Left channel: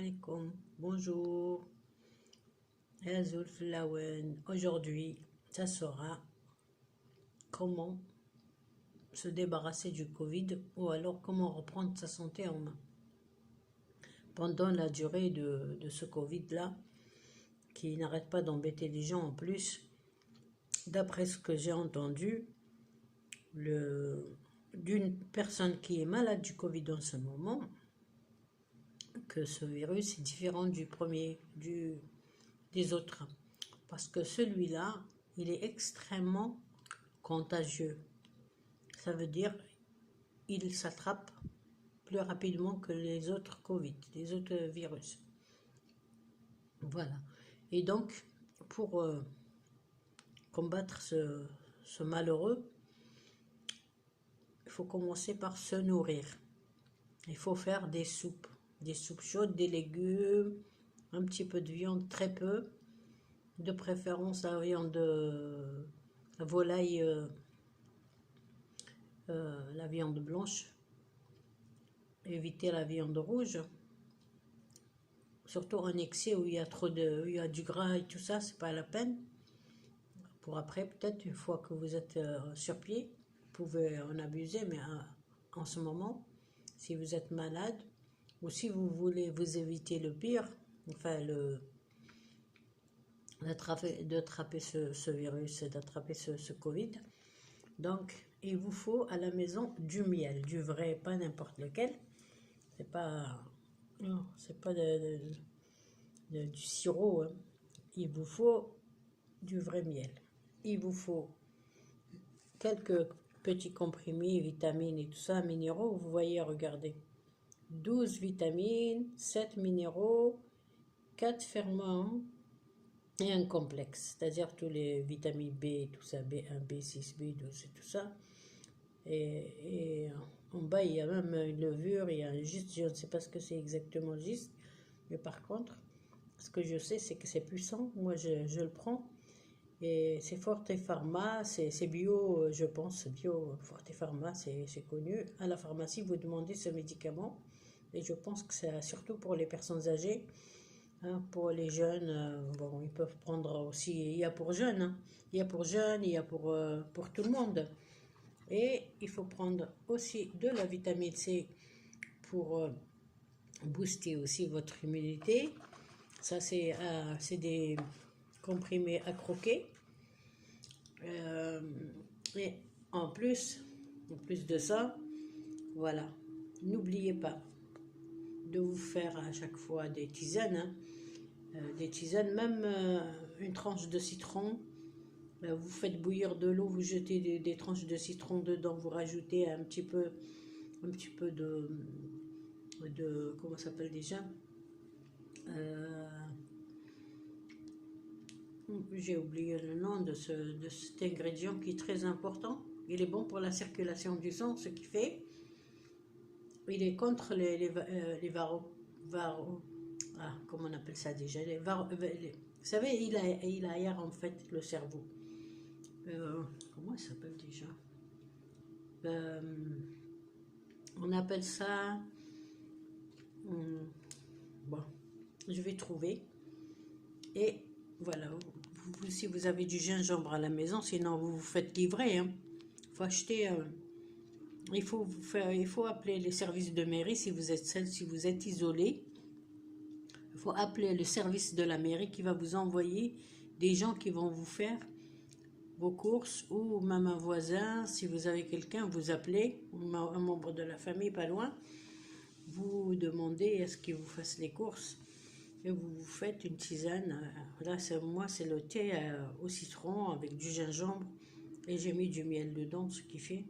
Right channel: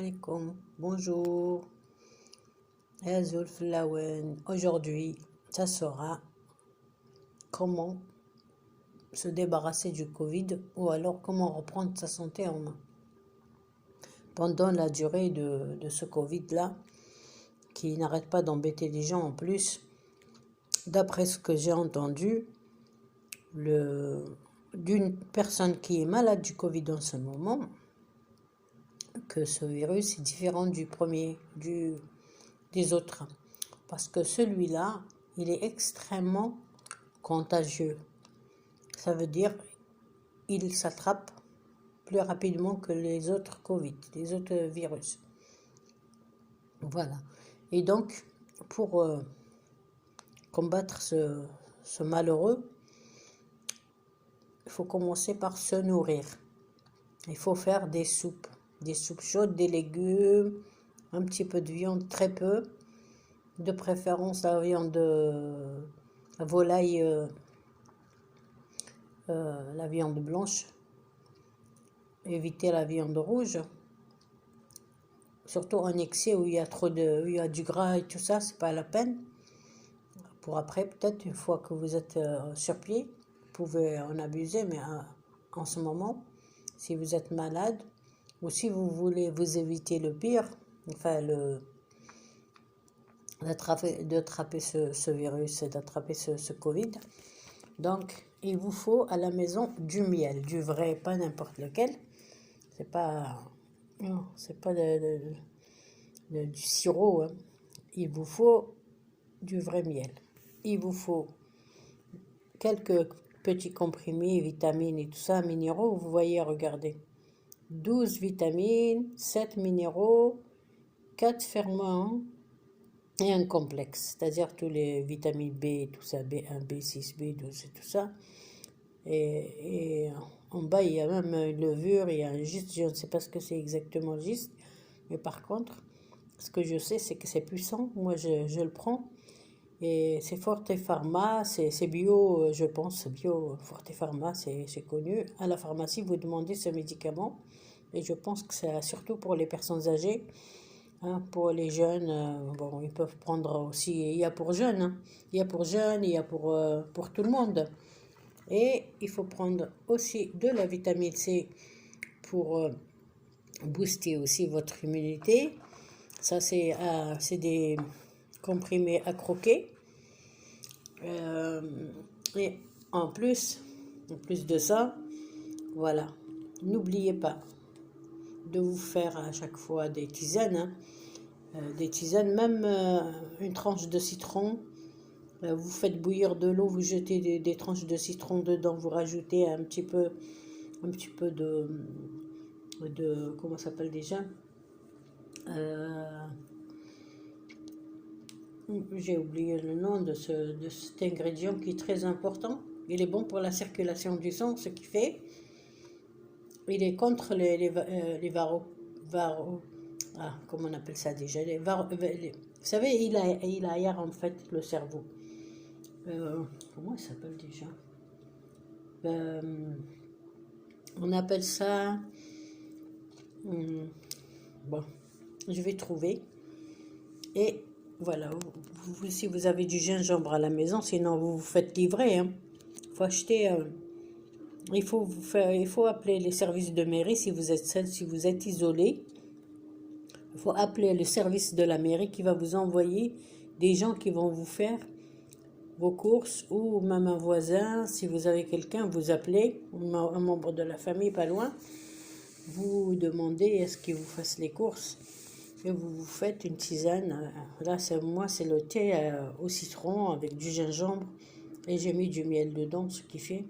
alaikum, bonjour. Azul Flawen. Aujourd'hui, ça sera comment se débarrasser du Covid ou alors comment reprendre sa santé en main pendant la durée de ce Covid-là qui n'arrête pas d'embêter les gens en plus. D'après ce que j'ai entendu, d'une personne qui est malade du Covid en ce moment, que ce virus est différent du premier, des autres. Parce que celui-là, il est extrêmement contagieux. Ça veut dire il s'attrape plus rapidement que les autres Covid, les autres virus. Voilà. Et donc, pour combattre ce malheureux, il faut commencer par se nourrir. Il faut faire des soupes chaudes, des légumes, un petit peu de viande, très peu. De préférence la viande la volaille, la viande blanche. Éviter la viande rouge. Surtout en excès où il y a du gras et tout ça, c'est pas la peine. Pour après, peut-être une fois que vous êtes sur pied, vous pouvez en abuser, mais en ce moment, si vous êtes malade ou si vous voulez vous éviter le pire, enfin d'attraper ce virus et d'attraper ce Covid. Donc, il vous faut à la maison du miel, du vrai, pas n'importe lequel. C'est pas du sirop. Hein. Il vous faut du vrai miel. Il vous faut quelques petits comprimés, vitamines et tout ça, minéraux. Vous voyez, regardez. 12 vitamines, 7 minéraux, 4 ferments et un complexe. C'est-à-dire tous les vitamines B, tout ça, B1, B6, B12 et tout ça. Et en bas, il y a même une levure, il y a un giste, je ne sais pas ce que c'est exactement le giste, mais par contre, ce que je sais, c'est que c'est puissant. Moi, je le prends. Et c'est Forte Pharma, c'est bio, je pense, bio. Forte Pharma, c'est connu. À la pharmacie, vous demandez ce médicament. Et je pense que c'est surtout pour les personnes âgées. Hein, pour les jeunes, bon, ils peuvent prendre aussi. Il y a pour jeunes, hein. Il y a pour jeunes, il y a pour tout le monde. Et il faut prendre aussi de la vitamine C pour booster aussi votre immunité. Ça, c'est des comprimés à croquer. Et en plus de ça, voilà, n'oubliez pas de vous faire à chaque fois des tisanes. Hein. Des tisanes, même une tranche de citron. Vous faites bouillir de l'eau, vous jetez des tranches de citron dedans, vous rajoutez un petit peu de comment ça s'appelle déjà, j'ai oublié le nom de cet ingrédient qui est très important. Il est bon pour la circulation du sang, ce qui fait il est contre les comment on appelle ça déjà, vous savez, il aère en fait le cerveau. Comment il s'appelle déjà, on appelle ça, bon, je vais trouver. Et voilà, si vous avez du gingembre à la maison, sinon vous vous faites livrer. Hein. Faut acheter, il faut appeler les services de mairie si vous êtes seul, si vous êtes isolé. Il faut appeler le service de la mairie qui va vous envoyer des gens qui vont vous faire vos courses, ou même un voisin, si vous avez quelqu'un, vous appelez, un membre de la famille pas loin, vous demandez est-ce qu'il vous fasse les courses et vous faites une tisane. Là, moi, c'est le thé au citron avec du gingembre et j'ai mis du miel dedans, ce qui fait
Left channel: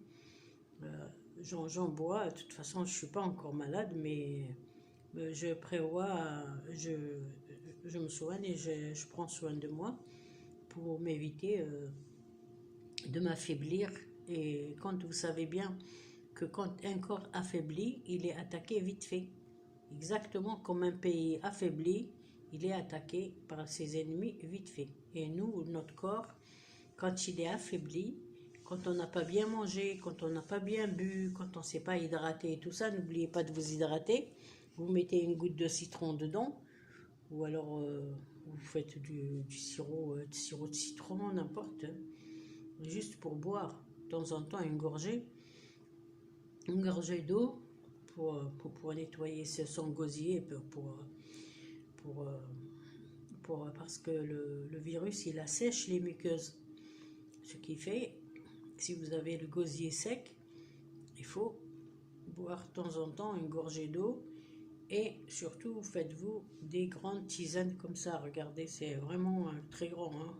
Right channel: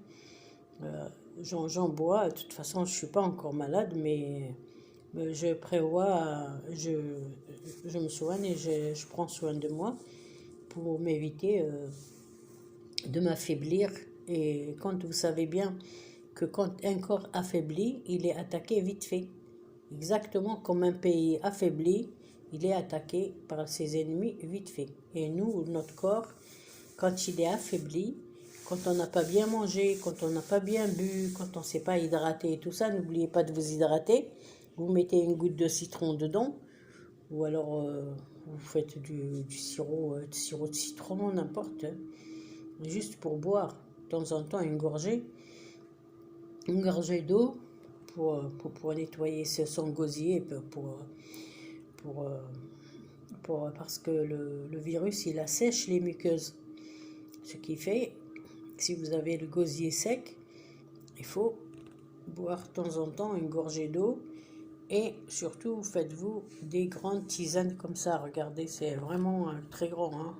j'en bois. De toute façon, je suis pas encore malade, mais je prévois, je me soigne et je prends soin de moi pour m'éviter de m'affaiblir. Et quand vous savez bien que quand un corps affaibli, il est attaqué vite fait. Exactement comme un pays affaibli, il est attaqué par ses ennemis vite fait. Et nous, notre corps, quand il est affaibli, quand on n'a pas bien mangé, quand on n'a pas bien bu, quand on ne s'est pas hydraté et tout ça, n'oubliez pas de vous hydrater. Vous mettez une goutte de citron dedans, ou alors vous faites du sirop, de citron, n'importe, hein. Juste pour boire de temps en temps une gorgée d'eau pour nettoyer son gosier, pour, euh, parce que le virus il assèche les muqueuses. Ce qui fait, si vous avez le gosier sec, il faut boire de temps en temps une gorgée d'eau. Et surtout, faites-vous des grandes tisanes comme ça. Regardez, c'est vraiment très grand, hein.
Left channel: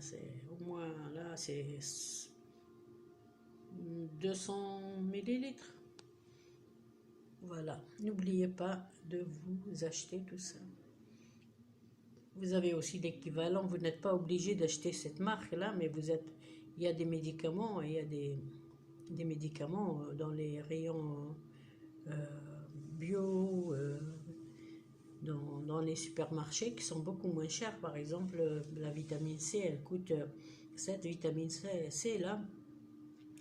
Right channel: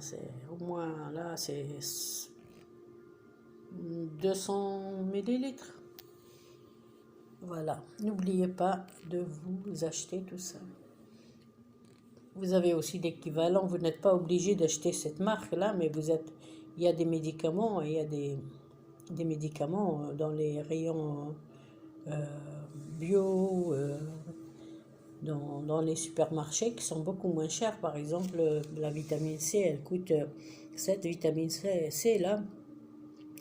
C'est au moins, là, c'est 200 millilitres. Voilà. N'oubliez pas de vous acheter tout ça. Vous avez aussi l'équivalent. Vous n'êtes pas obligé d'acheter cette marque-là, mais il y a des médicaments, il y a des médicaments dans les rayons bio, dans les supermarchés qui sont beaucoup moins chers. Par exemple, la vitamine C, elle coûte, cette vitamine C là,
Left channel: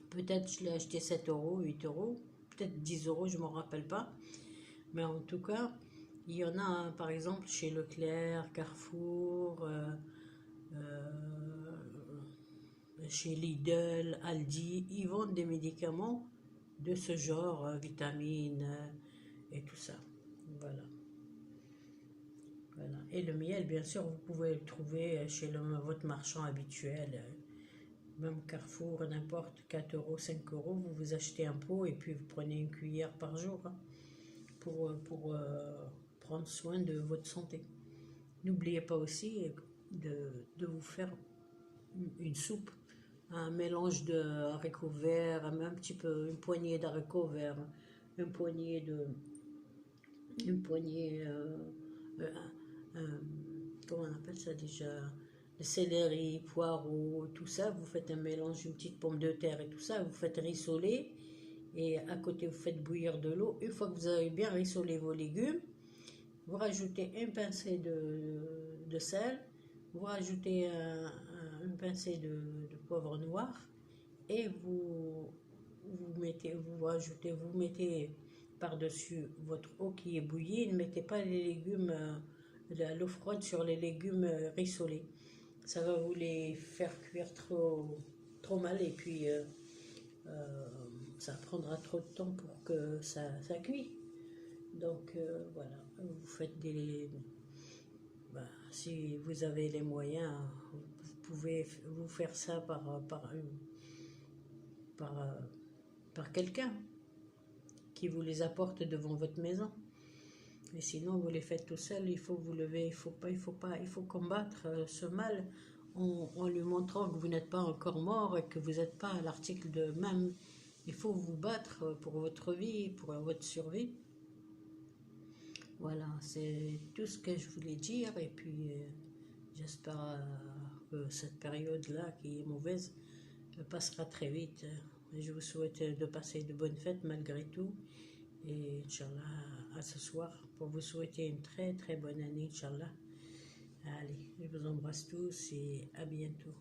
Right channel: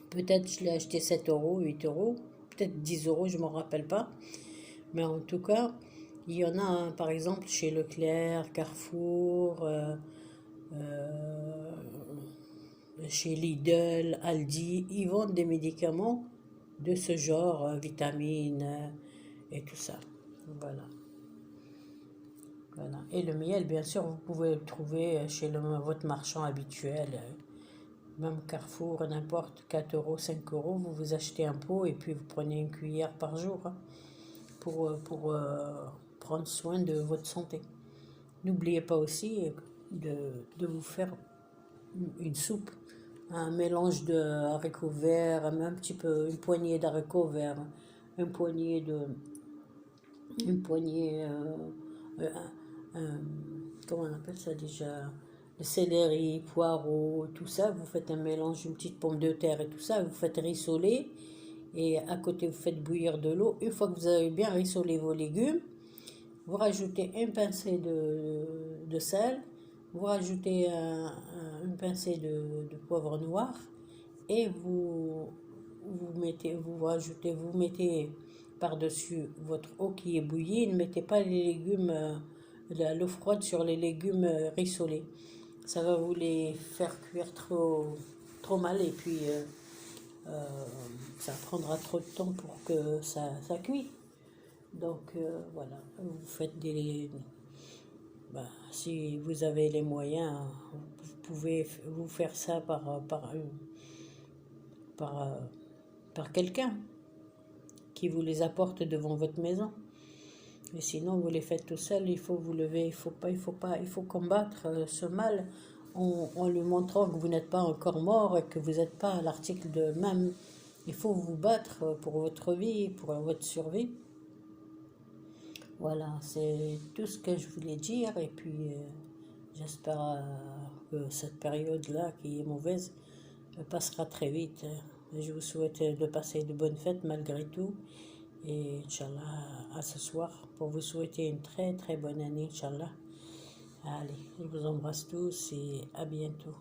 peut-être je l'ai acheté 7 euros, 8 euros, peut-être 10 euros, je ne m'en rappelle pas. Mais en tout cas, il y en a, par exemple, chez Leclerc, Carrefour, chez Lidl, Aldi, ils vendent des médicaments de ce genre, vitamines et tout ça. Voilà. Voilà. Et le miel, bien sûr, vous pouvez le trouver chez votre marchand habituel, même Carrefour, n'importe, 4 euros, 5 euros, vous vous achetez un pot et puis vous prenez une cuillère par jour, hein, pour prendre soin de votre santé. N'oubliez pas aussi de vous faire une soupe, un mélange de haricots verts, un petit peu, une poignée d'haricots verts, une poignée comment on appelle ça déjà, le céleri, poireau, tout ça, vous faites un mélange, une petite pomme de terre et tout ça, vous faites rissoler, et à côté vous faites bouillir de l'eau. Une fois que vous avez bien rissolé vos légumes, vous rajoutez une pincée de sel, vous rajoutez une pincée de poivre noir, et vous mettez par-dessus votre eau qui est bouillie. Ne mettez pas les légumes, l'eau froide sur les légumes rissolés. Ça va vous les faire cuire trop mal, et puis ça prendra trop de temps pour que ça cuise. Donc voilà, vous faites si vous avez les moyens, vous pouvez vous faire ça par quelqu'un qui vous les apporte devant votre maison. Mais sinon, vous les faites tout seul. Il faut vous lever, il faut combattre ce mal en lui montrant que vous n'êtes pas encore mort et que vous n'êtes pas à l'article de même. Il faut vous battre pour votre vie, pour votre survie. Voilà, c'est tout ce que je voulais dire. Et puis, j'espère que cette période-là, qui est mauvaise, passera très vite. Je vous souhaite de passer de bonnes fêtes malgré tout. Et Inch'Allah, à ce soir, pour vous souhaiter une très très bonne année, Inch'Allah. Allez, je vous embrasse tous et à bientôt.